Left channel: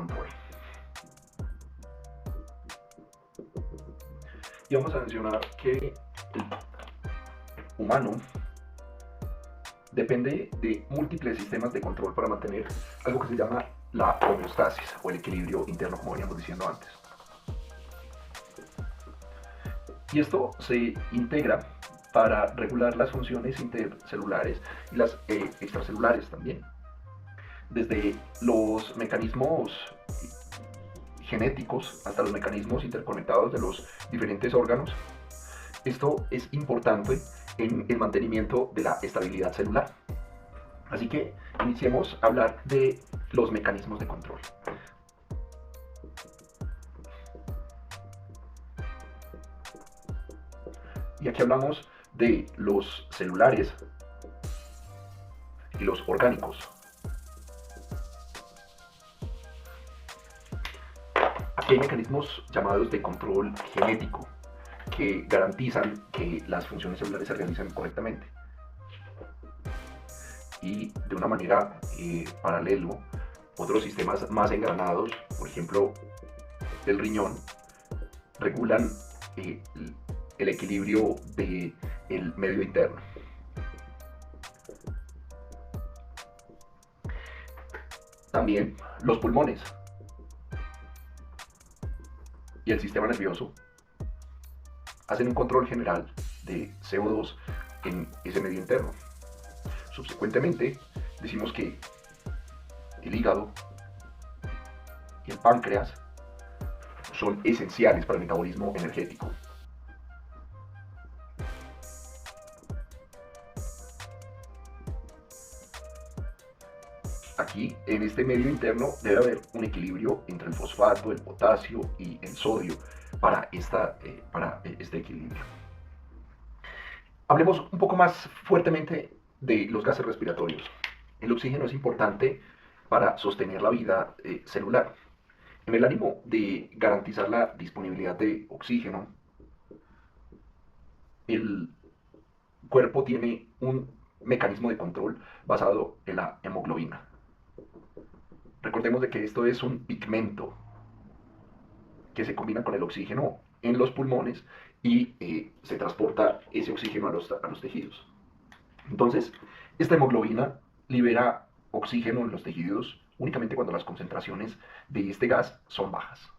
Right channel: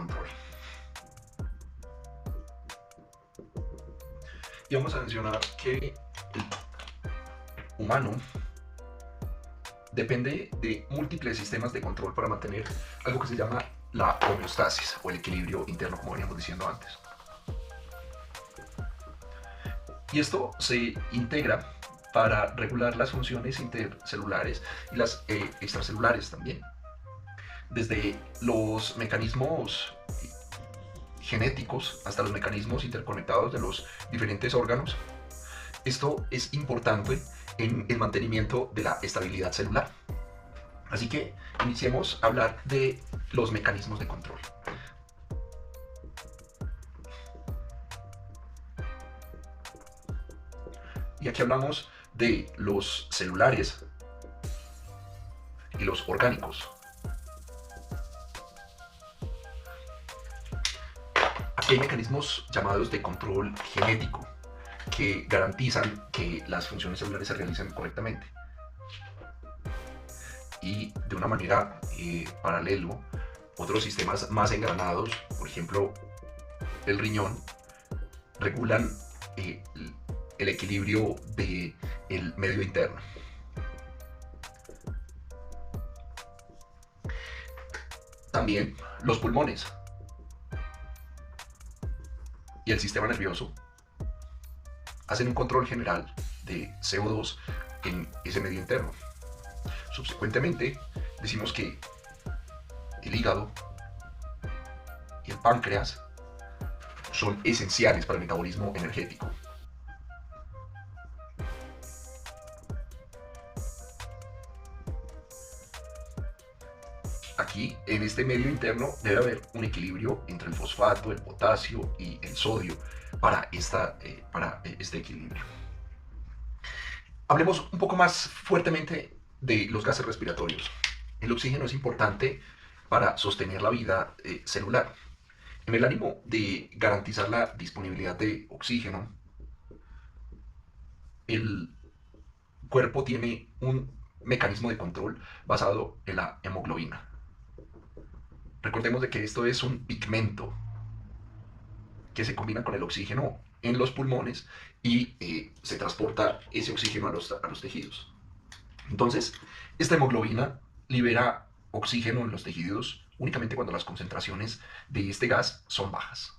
control. Y vamos a mencionar que el humano depende de múltiples sistemas de control para mantener algo que se llama la homeostasis o el equilibrio interno, como veníamos diciendo antes. Y esto se integra para regular las funciones intercelulares y las extracelulares también. Desde los mecanismos genéticos hasta los mecanismos interconectados de los diferentes órganos. Esto es importante en el mantenimiento de la estabilidad celular. Así que iniciemos a hablar de los mecanismos de control. Y aquí hablamos de los celulares y los orgánicos. Aquí hay mecanismos llamados de control genético que garantizan que las funciones celulares se realicen correctamente. Y de una manera paralelo, otros sistemas más engranados, por ejemplo el riñón, regulan el equilibrio del medio interno. También los pulmones y el sistema nervioso hacen un control general de CO2 en ese medio interno. Subsecuentemente, decimos que el hígado y el páncreas son esenciales para el metabolismo energético. Aquí, en este medio interno, debe haber un equilibrio entre el fosfato, el potasio y el sodio para este equilibrio. Hablemos un poco más fuertemente de los gases respiratorios. El oxígeno es importante para sostener la vida celular. En el ánimo de garantizar la disponibilidad de oxígeno, el cuerpo tiene un mecanismo de control basado en la hemoglobina. Recordemos de que esto es un pigmento que se combina con el oxígeno en los pulmones y se transporta ese oxígeno a los tejidos. Entonces, esta hemoglobina libera oxígeno en los tejidos únicamente cuando las concentraciones de este gas son bajas.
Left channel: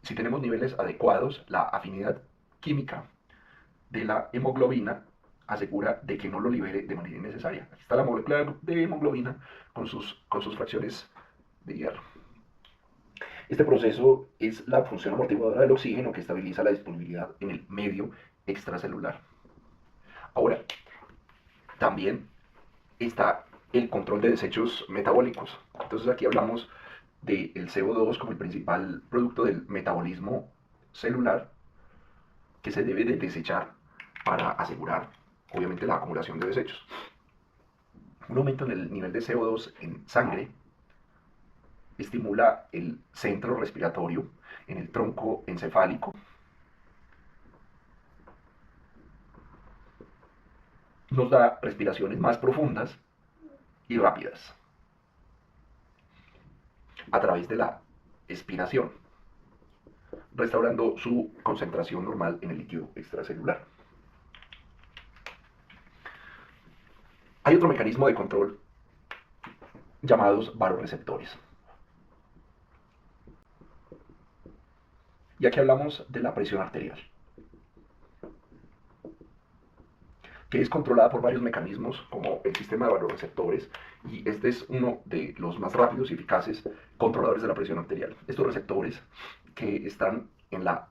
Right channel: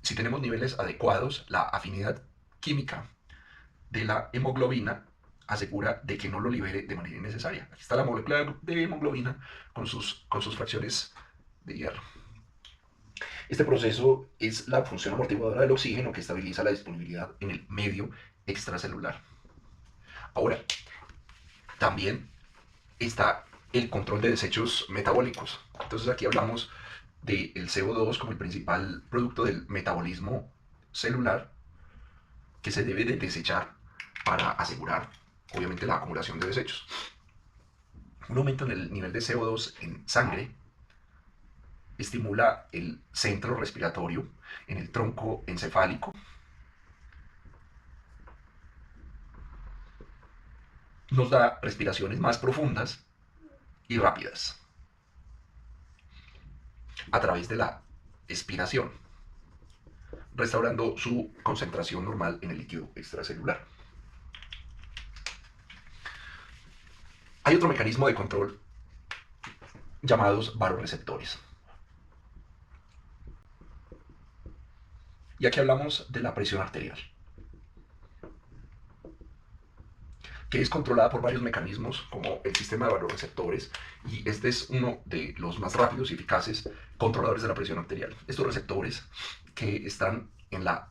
Si tenemos niveles adecuados, la afinidad química de la hemoglobina asegura de que no lo libere de manera innecesaria. Aquí está la molécula de hemoglobina con sus fracciones de hierro. Este proceso es la función amortiguadora del oxígeno que estabiliza la disponibilidad en el medio extracelular. Ahora, también está el control de desechos metabólicos. Entonces aquí hablamos del CO2 como el principal producto del metabolismo celular que se debe de desechar para asegurar, obviamente, la acumulación de desechos. Un aumento en el nivel de CO2 en sangre estimula el centro respiratorio en el tronco encefálico. Nos da respiraciones más profundas y rápidas a través de la expiración, restaurando su concentración normal en el líquido extracelular. Hay otro mecanismo de control llamados vasoreceptores. Y aquí hablamos de la presión arterial, que es controlada por varios mecanismos como el sistema de vasoreceptores, y este es uno de los más rápidos y eficaces controladores de la presión arterial. Estos receptores que están en la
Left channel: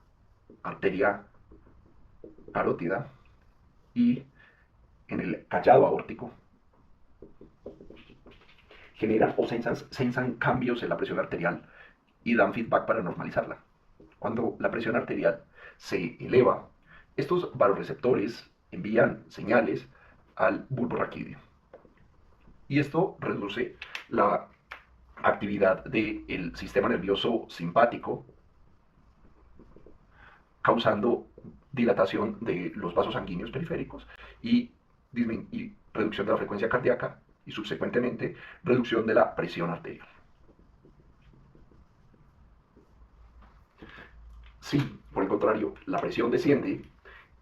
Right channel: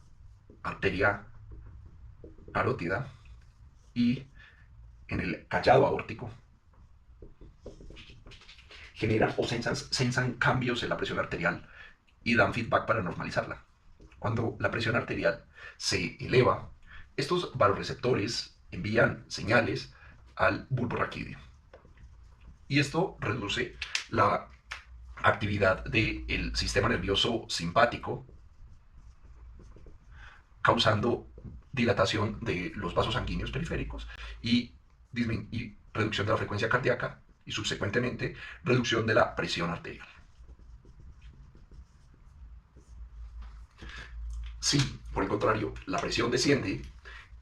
arteria carótida y en el callado aórtico generan o sensan cambios en la presión arterial y dan feedback para normalizarla. Cuando la presión arterial se eleva, estos vasoreceptores envían señales al bulbo raquídeo. Y esto reduce la actividad del sistema nervioso simpático, causando dilatación de los vasos sanguíneos periféricos y reducción de la frecuencia cardíaca y subsecuentemente reducción de la presión arterial. Si, por el contrario, la presión desciende,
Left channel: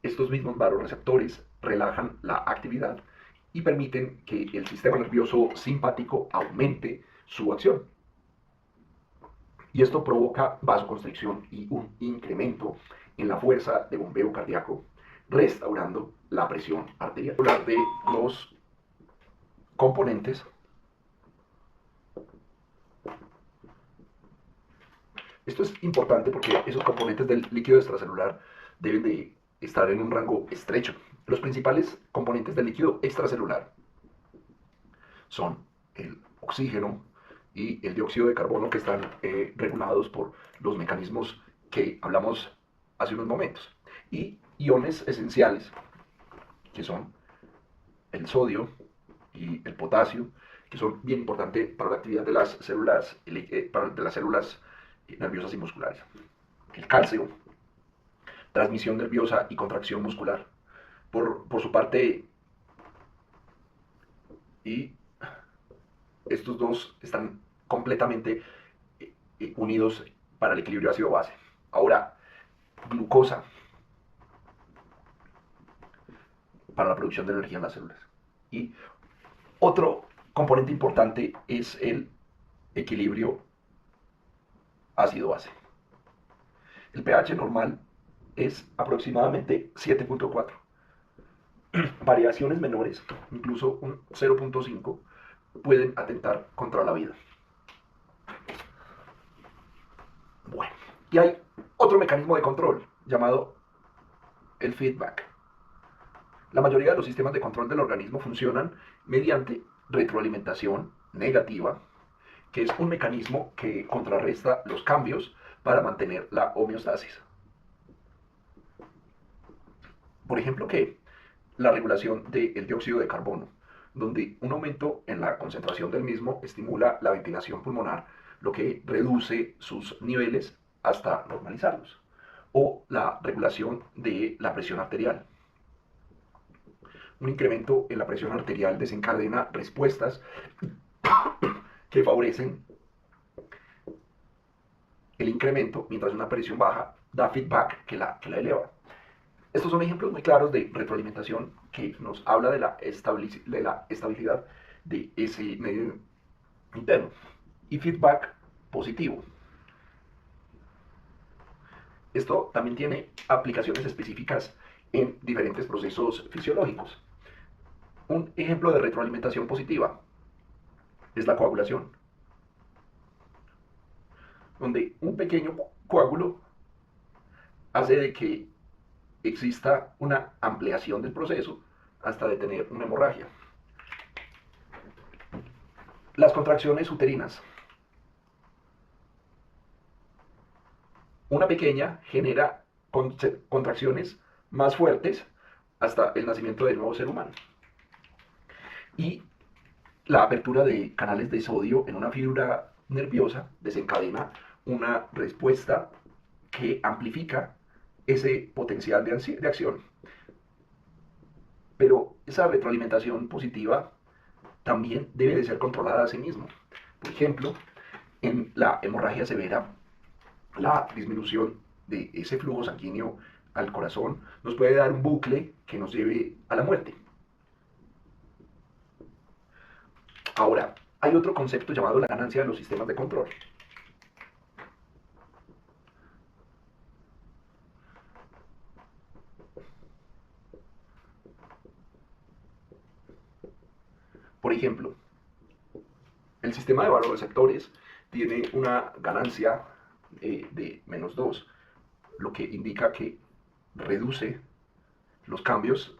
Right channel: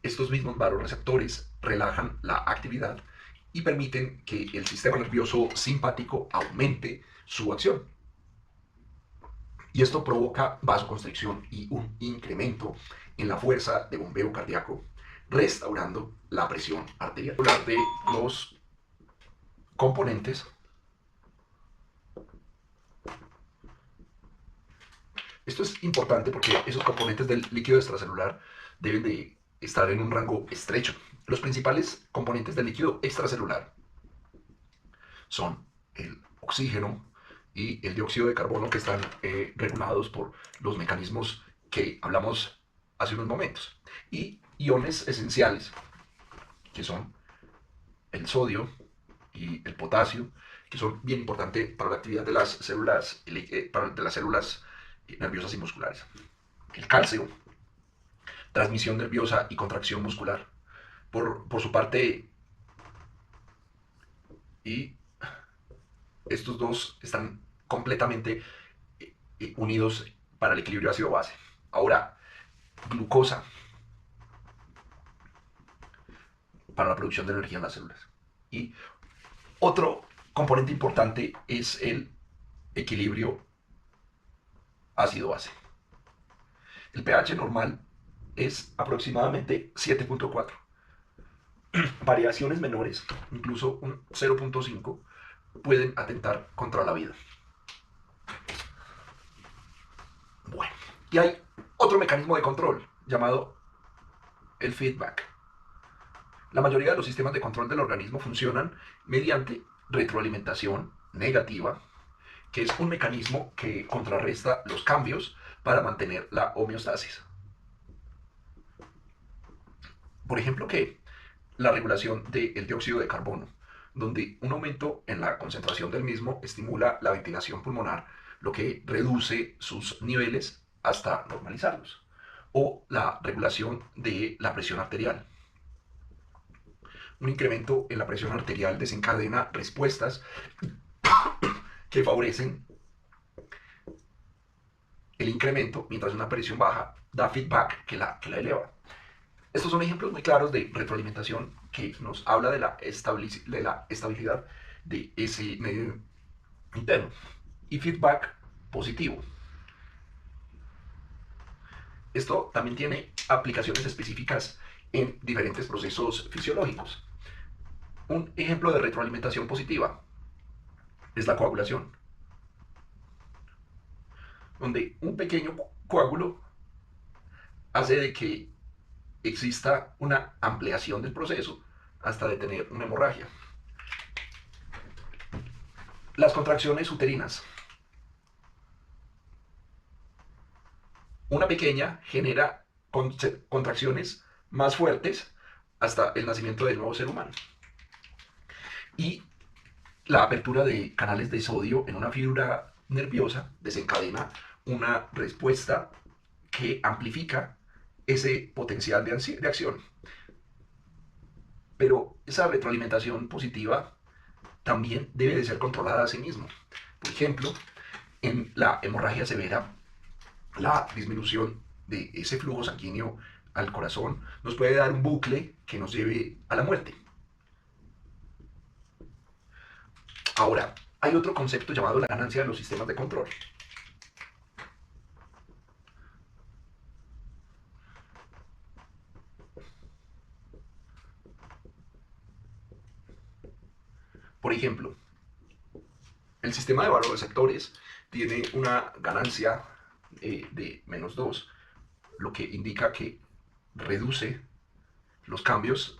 estos mismos vasoreceptores relajan la actividad y permiten que el sistema nervioso simpático aumente su acción. Y esto provoca vasoconstricción y un incremento en la fuerza de bombeo cardíaco, restaurando la presión arterial. Hablar de los componentes. Esto es importante porque esos componentes del líquido extracelular deben de estar en un rango estrecho. Los principales componentes del líquido extracelular son el oxígeno y el dióxido de carbono, que están regulados por los mecanismos que hablamos hace unos momentos. Y iones esenciales, que son el sodio y el potasio, que son bien importantes para la actividad de las células, nerviosas y musculares. El calcio, transmisión nerviosa y contracción muscular. Por su parte, y estos dos están completamente unidos para el equilibrio ácido-base. Ahora, glucosa para la producción de energía en las células. Y otro componente importante es el equilibrio ácido-base. El pH normal es aproximadamente 7.4. Variaciones menores, incluso un 0.5, pueden atentar contra la vida. Bueno, y hay otro mecanismo de control llamado el feedback. La mayoría de los sistemas de control del organismo funcionan mediante retroalimentación negativa, que es un mecanismo que contrarresta los cambios para mantener la homeostasis. Por ejemplo, que la regulación del dióxido de carbono, donde un aumento en la concentración del mismo estimula la ventilación pulmonar, lo que reduce sus niveles hasta normalizarlos. O la regulación de la presión arterial. Un incremento en la presión arterial desencadena respuestas que favorecen el incremento, mientras una presión baja da feedback que la eleva. Estos son ejemplos muy claros de retroalimentación que nos habla de la estabilidad de ese medio interno. Y feedback positivo. Esto también tiene aplicaciones específicas en diferentes procesos fisiológicos. Un ejemplo de retroalimentación positiva es la coagulación, donde un pequeño coágulo hace de que exista una ampliación del proceso hasta detener una hemorragia. Las contracciones uterinas. Una pequeña genera contracciones más fuertes hasta el nacimiento del nuevo ser humano. Y la apertura de canales de sodio en una fibra nerviosa desencadena una respuesta que amplifica ese potencial de acción. Pero esa retroalimentación positiva también debe de ser controlada a sí mismo. Por ejemplo, en la hemorragia severa, la disminución de ese flujo sanguíneo al corazón nos puede dar un bucle que nos lleve a la muerte. Ahora, hay otro concepto llamado la ganancia de los sistemas de control. Por ejemplo, el sistema de vasoreceptores tiene una ganancia de -2, lo que indica que reduce los cambios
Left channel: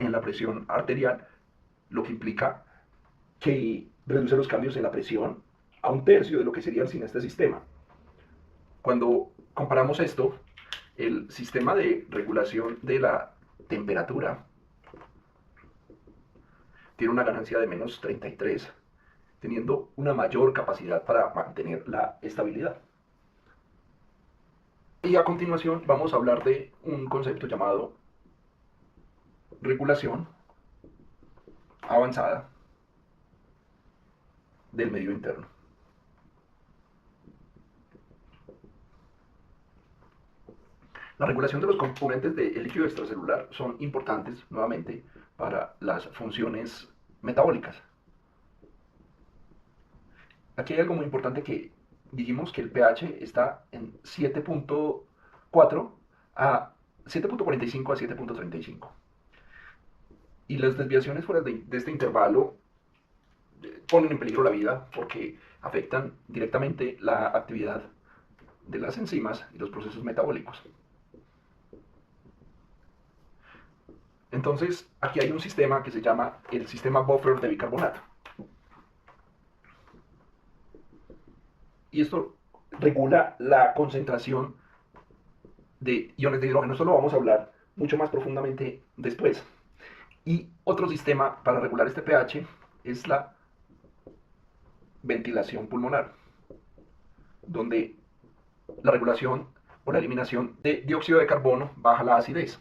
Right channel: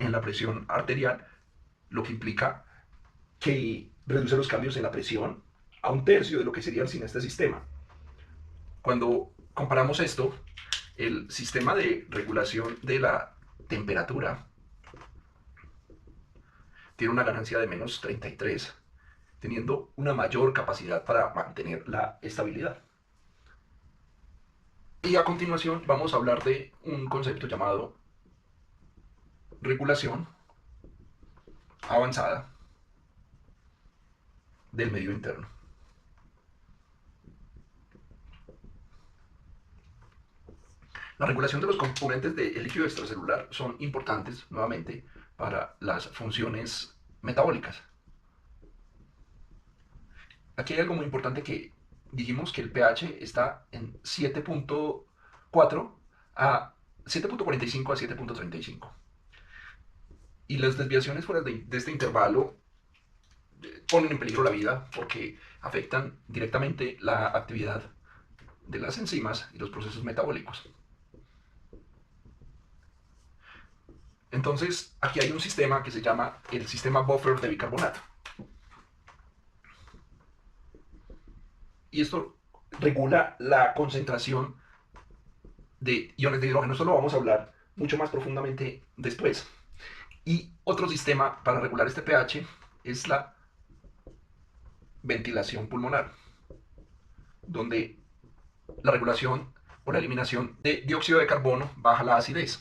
en la presión arterial, lo que implica que reduce los cambios en la presión a un tercio de lo que serían sin este sistema. Cuando comparamos esto, el sistema de regulación de la temperatura tiene una ganancia de -33, teniendo una mayor capacidad para mantener la estabilidad. Y a continuación vamos a hablar de un concepto llamado regulación avanzada del medio interno. La regulación de los componentes del líquido extracelular son importantes, nuevamente, para las funciones metabólicas. Aquí hay algo muy importante que dijimos que el pH está en 7.4 a 7.45 a 7.35. Y las desviaciones fuera de este intervalo ponen en peligro la vida porque afectan directamente la actividad de las enzimas y los procesos metabólicos. Entonces, aquí hay un sistema que se llama el sistema buffer de bicarbonato. Y esto regula la concentración de iones de hidrógeno. Esto lo vamos a hablar mucho más profundamente después. Y otro sistema para regular este pH es la ventilación pulmonar, donde la regulación o la eliminación de dióxido de carbono baja la acidez.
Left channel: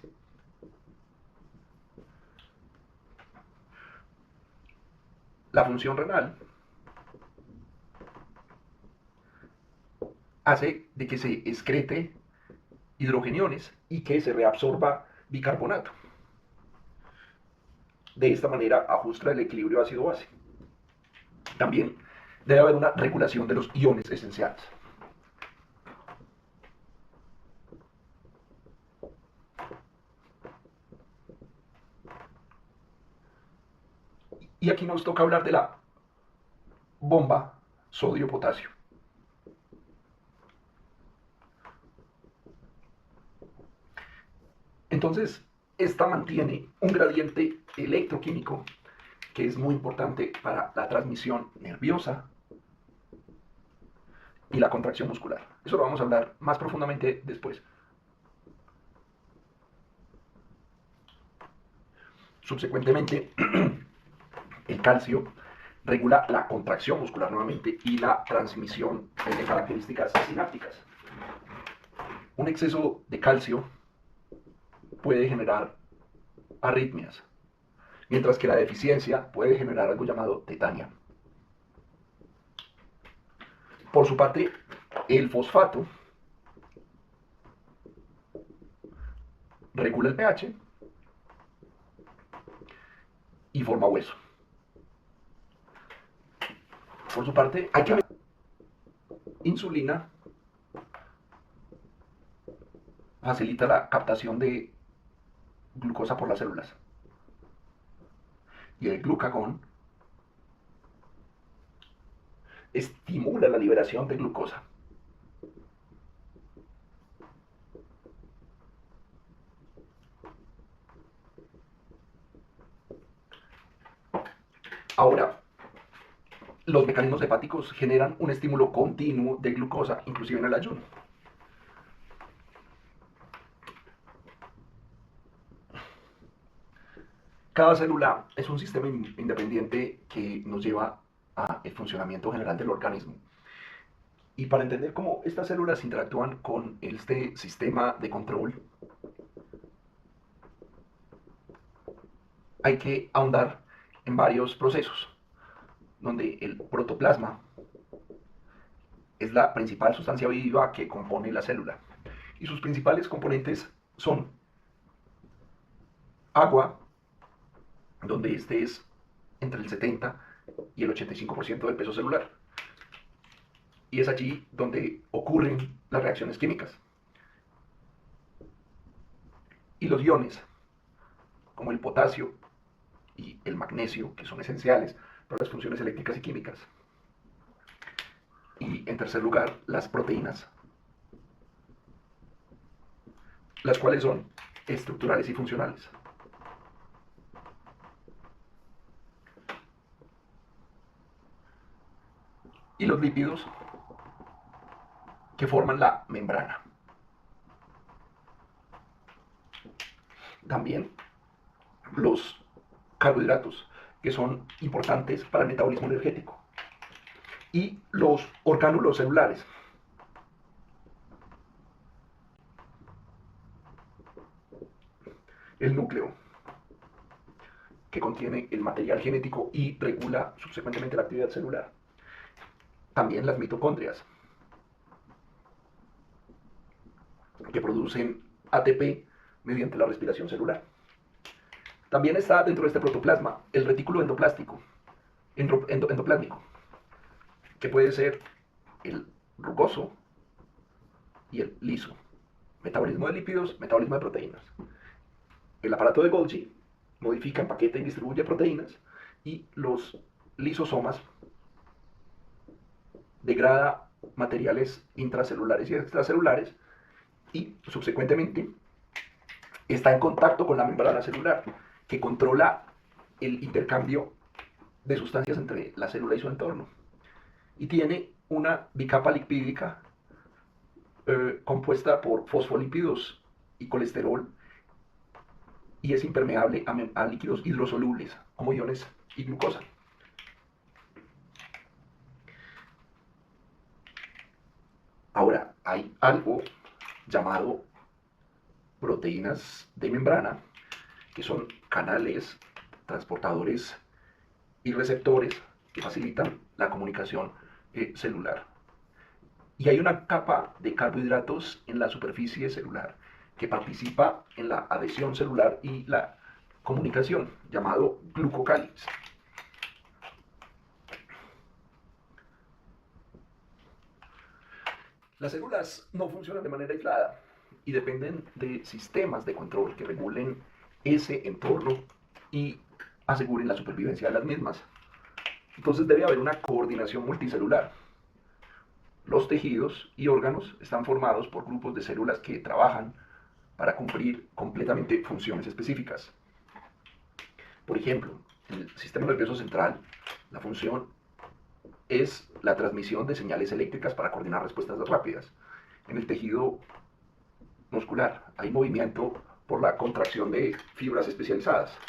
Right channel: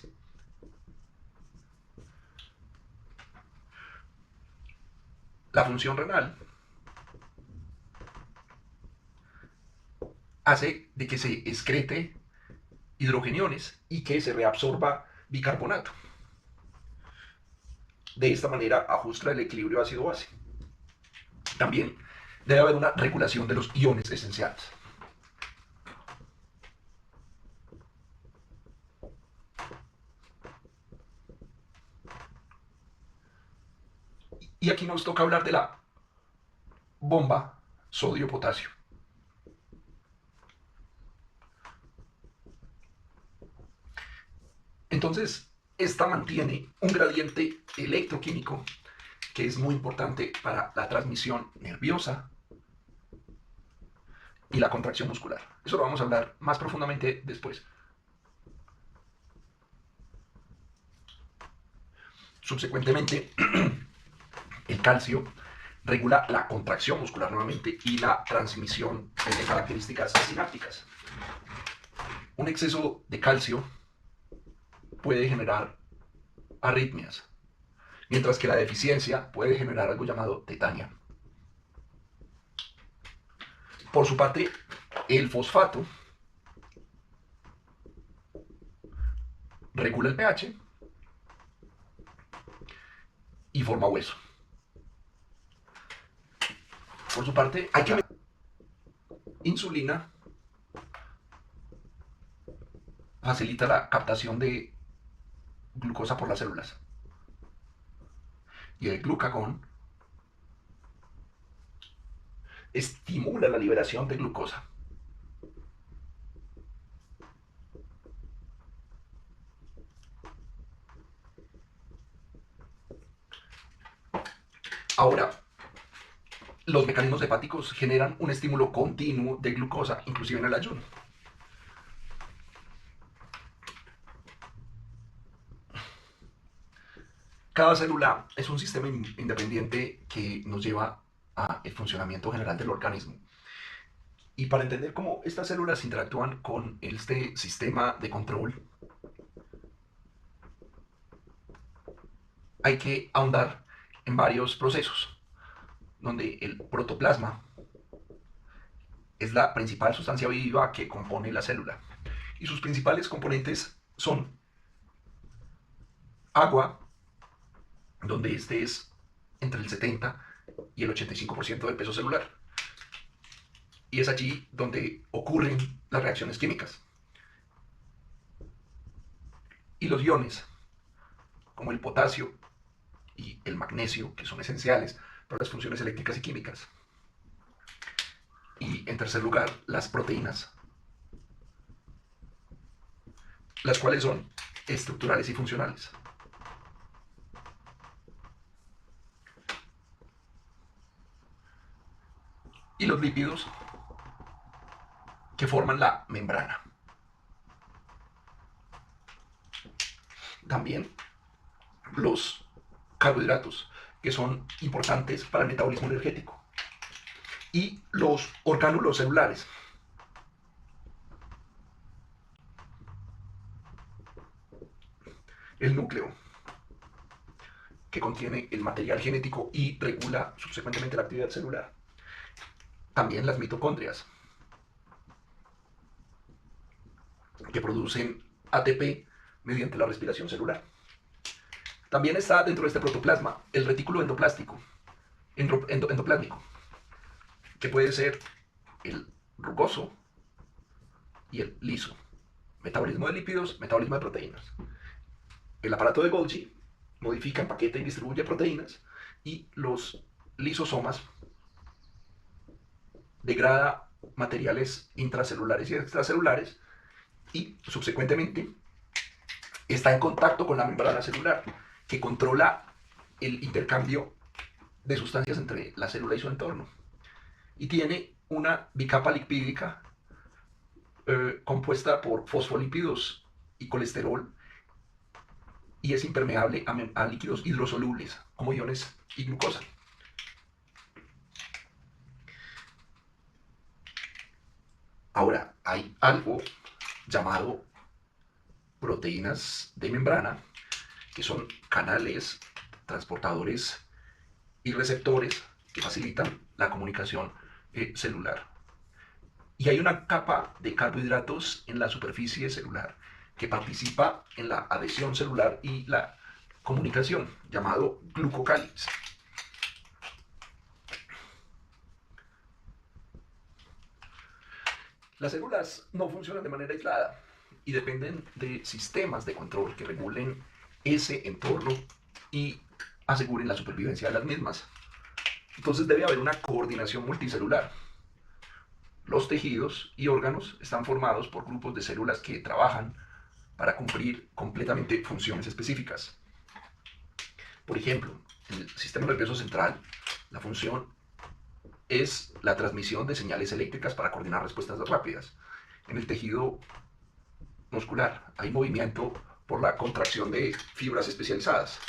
La función renal hace de que se excrete hidrogeniones y que se reabsorba bicarbonato. De esta manera ajusta el equilibrio ácido-base. También debe haber una regulación de los iones esenciales. Y aquí nos toca hablar de la bomba sodio-potasio. Entonces, esta mantiene un gradiente electroquímico que es muy importante para la transmisión nerviosa y la contracción muscular. Eso lo vamos a hablar más profundamente después. Subsecuentemente, el calcio regula la contracción muscular nuevamente y la transmisión de características sinápticas. Un exceso de calcio puede generar arritmias, mientras que la deficiencia puede generar algo llamado tetania. Por su parte, el fosfato regula el pH y forma hueso. Por su parte, hay que insulina facilita la captación de glucosa por las células. Y el glucagón estimula la liberación de glucosa. Ahora, los mecanismos hepáticos generan un estímulo continuo de glucosa, inclusive en el ayuno. Cada célula es un sistema independiente que nos lleva al funcionamiento general del organismo. Y para entender cómo estas células interactúan con este sistema de control, hay que ahondar en varios procesos, donde el protoplasma es la principal sustancia viva que compone la célula. Y sus principales componentes son agua, donde este es entre el 70 y el 85% del peso celular. Y es allí donde ocurren las reacciones químicas. Y los iones, como el potasio y el magnesio, que son esenciales para las funciones eléctricas y químicas. Y en tercer lugar, las proteínas, las cuales son estructurales y funcionales. Y los lípidos, que forman la membrana. También los carbohidratos, que son importantes para el metabolismo energético. Y los orgánulos celulares. El núcleo, que contiene el material genético y regula subsecuentemente la actividad celular. También las mitocondrias, que producen ATP mediante la respiración celular. También está dentro de este protoplasma el retículo endoplásmico, que puede ser el rugoso y el liso. Metabolismo de lípidos, metabolismo de proteínas. El aparato de Golgi modifica, empaqueta y distribuye proteínas, y los lisosomas degrada materiales intracelulares y extracelulares, y subsecuentemente está en contacto con la membrana celular, que controla el intercambio de sustancias entre la célula y su entorno. Y tiene una bicapa lipídica compuesta por fosfolípidos y colesterol, y es impermeable a líquidos hidrosolubles como iones y glucosa. Ahora, hay algo llamado proteínas de membrana, que son canales transportadores y receptores que facilitan la comunicación celular. Y hay una capa de carbohidratos en la superficie celular que participa en la adhesión celular y la comunicación, llamado glucocáliz. Las células no funcionan de manera aislada y dependen de sistemas de control que regulen ese entorno y aseguren la supervivencia de las mismas. Entonces debe haber una coordinación multicelular. Los tejidos y órganos están formados por grupos de células que trabajan para cumplir completamente funciones específicas. Por ejemplo, en el sistema nervioso central, la función es la transmisión de señales eléctricas para coordinar respuestas rápidas. En el tejido muscular hay movimiento por la contracción de fibras especializadas.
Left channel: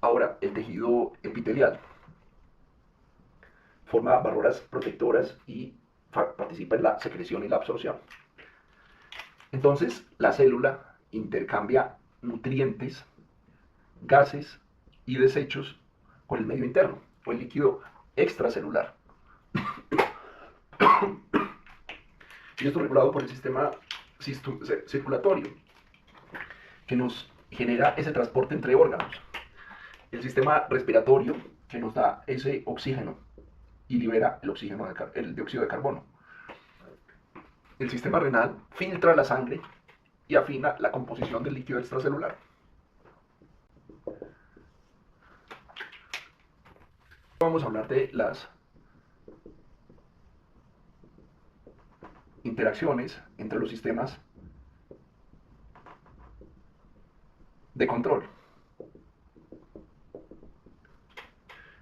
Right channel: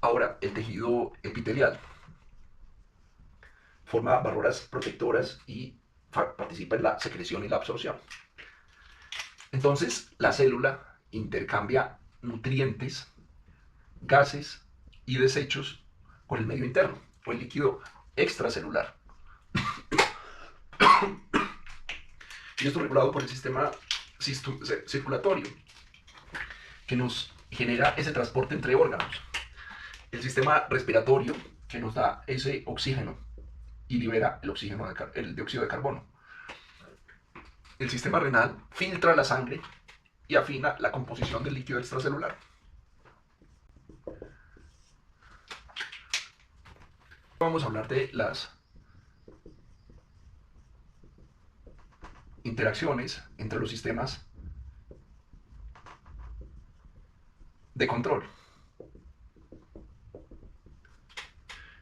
Ahora, el tejido epitelial forma barreras protectoras y participa en la secreción y la absorción. Entonces, la célula intercambia nutrientes, gases y desechos con el medio interno o el líquido extracelular. Y esto es regulado por el sistema circulatorio, que nos genera ese transporte entre órganos. El sistema respiratorio, que nos da ese oxígeno y libera el dióxido de carbono. El sistema renal filtra la sangre y afina la composición del líquido extracelular. Vamos a hablar de las interacciones entre los sistemas de control.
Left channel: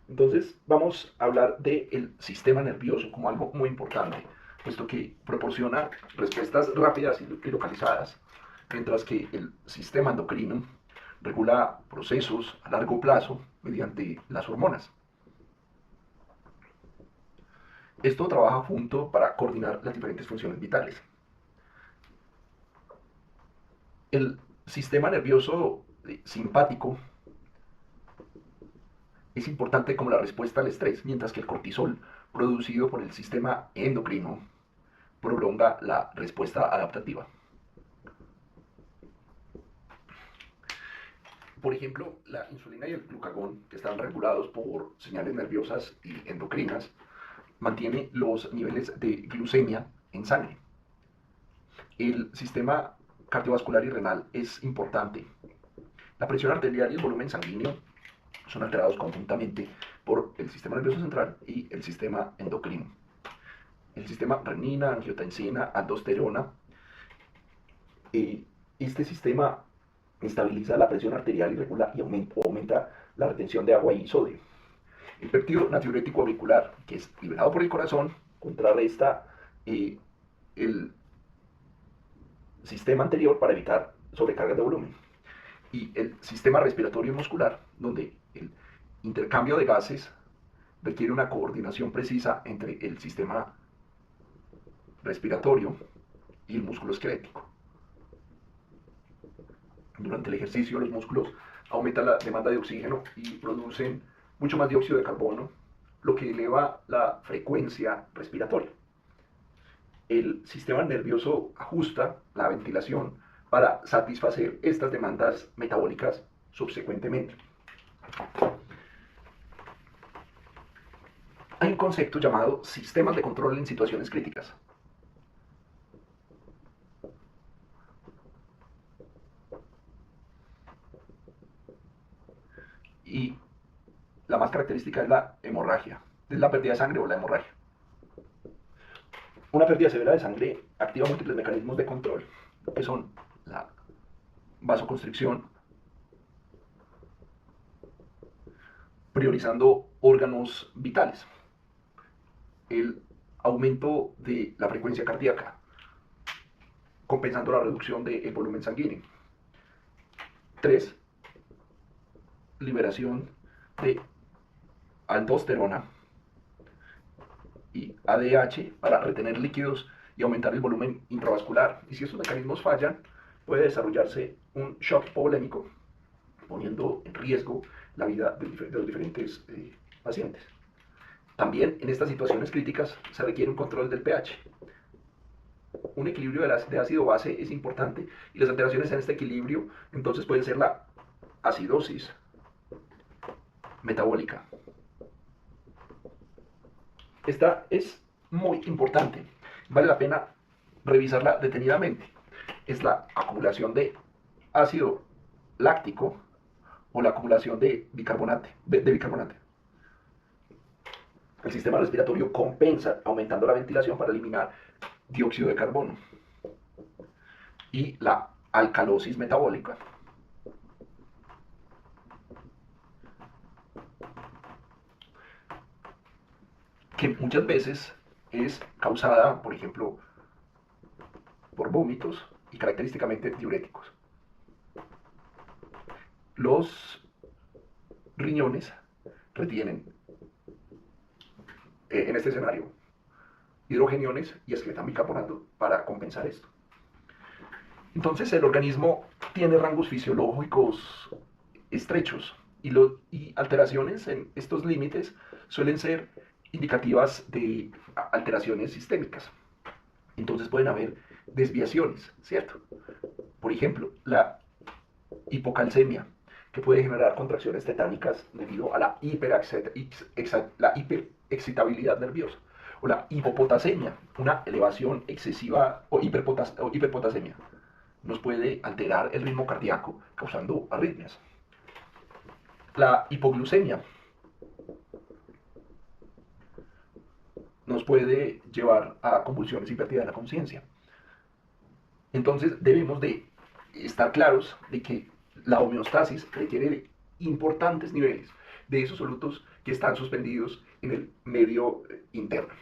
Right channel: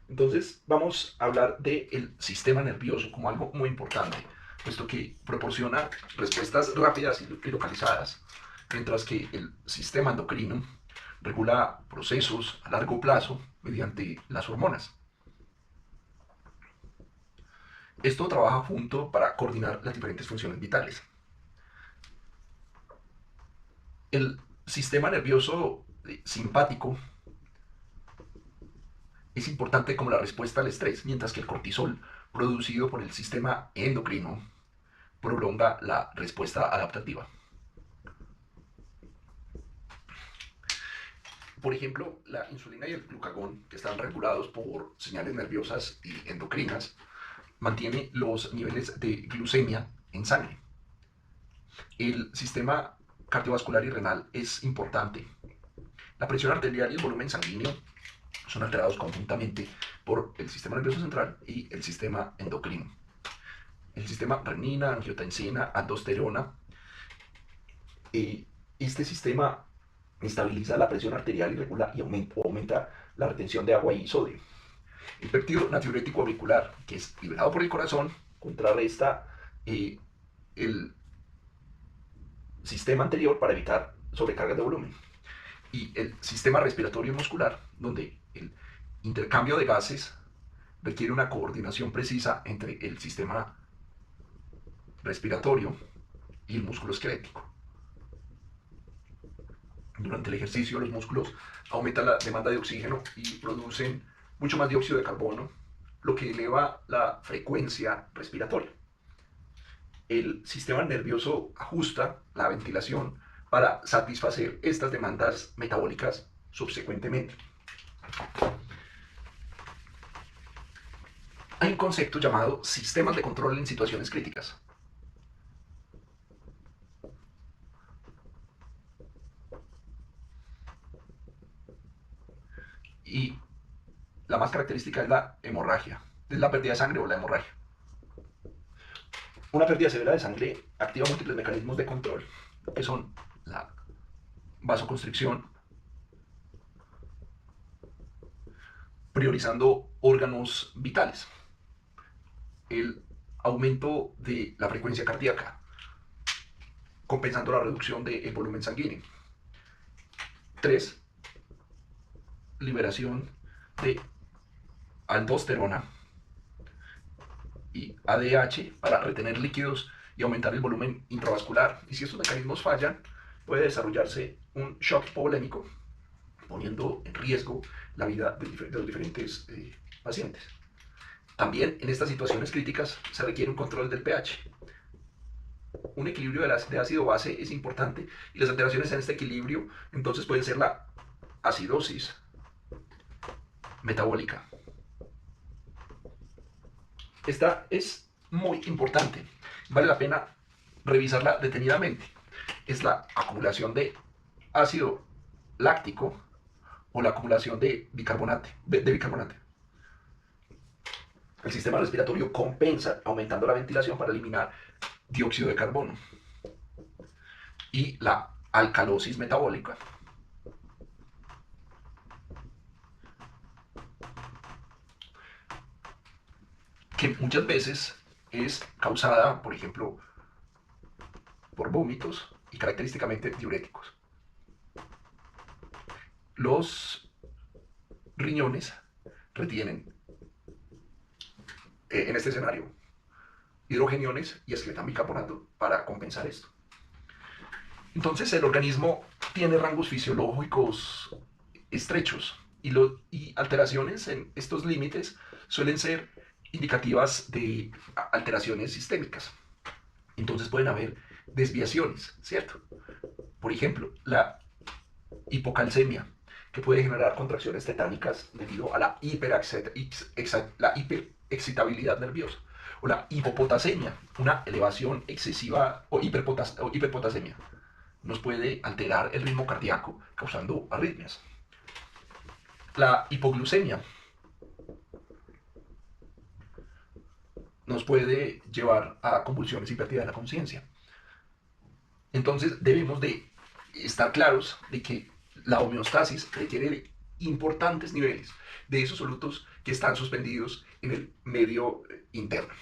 Entonces vamos a hablar del sistema nervioso como algo muy importante, puesto que proporciona respuestas rápidas y localizadas, mientras que el sistema endocrino regula procesos a largo plazo mediante las hormonas. Esto trabaja junto para coordinar las diferentes funciones vitales. El sistema nervioso simpático es importante como la respuesta al estrés, mientras que el cortisol, producido por el sistema endocrino, prolonga la respuesta adaptativa. Por ejemplo, la insulina y el glucagón, que están regulados por señales nerviosas y endocrinas, mantiene los niveles de glucemia en sangre. El sistema cardiovascular y renal es importante. La presión arterial y el volumen sanguíneo son alterados conjuntamente por el sistema nervioso central y el sistema endocrino. El sistema renina, angiotensina, aldosterona. Este sistema estabiliza la presión arterial y regula y aumenta la retención de agua y sodio. El péptido natriurético auricular, que es liberado por el corazón, contrarresta el sistema anterior para evitar sobrecargas de volumen. Y el sistema respiratorio muscular, donde el intercambio de gases requiere una coordinación precisa entre el sistema respiratorio y el músculo esquelético. Durante el ejercicio, los músculos aumentan la demanda de oxígeno y producen mucho más dióxido de carbono, lo que eleva la frecuencia respiratoria. El sistema nervioso ajusta la ventilación para satisfacer estas demandas metabólicas subsecuentemente. Hay un concepto llamado sistemas de control en situaciones críticas. Y la más característica es la hemorragia, es la pérdida de sangre o la hemorragia. Una pérdida severa de sangre activa múltiples mecanismos de control, que son la vasoconstricción, priorizando órganos vitales, el aumento de la frecuencia cardíaca, compensando la reducción del volumen sanguíneo. 3. Liberación de aldosterona y ADH para retener líquidos y aumentar el volumen intravascular. Y si estos mecanismos fallan, puede desarrollarse un shock hipovolémico, poniendo en riesgo la vida de los diferentes pacientes. También en estas situaciones críticas se requiere un control del pH. Un equilibrio de ácido-base es importante y las alteraciones en este equilibrio entonces pueden ser la acidosis metabólica. Esta es muy importante, vale la pena revisarla detenidamente. Es la acumulación de ácido láctico o la acumulación de bicarbonato. El sistema respiratorio compensa aumentando la ventilación para eliminar dióxido de carbono. Y la alcalosis metabólica, que muchas veces es causada, por ejemplo, por vómitos y característicamente diuréticos. Los riñones retienen, en este escenario, hidrogeniones y excretan bicarbonato para compensar esto. Entonces el organismo tiene rangos fisiológicos estrechos y alteraciones en estos límites suelen ser indicativas de alteraciones sistémicas. Entonces pueden haber desviaciones, ¿cierto? Por ejemplo, la hipocalcemia, que puede generar contracciones tetánicas debido a la hiperexcitabilidad nerviosa. O la hipopotasemia, una elevación excesiva o hiperpotasemia. Nos puede alterar el ritmo cardíaco, causando arritmias. La hipoglucemia nos puede llevar a convulsiones y pérdida de la conciencia. Entonces debemos de estar claros de que la homeostasis requiere de importantes niveles de esos solutos que están suspendidos en el medio interno.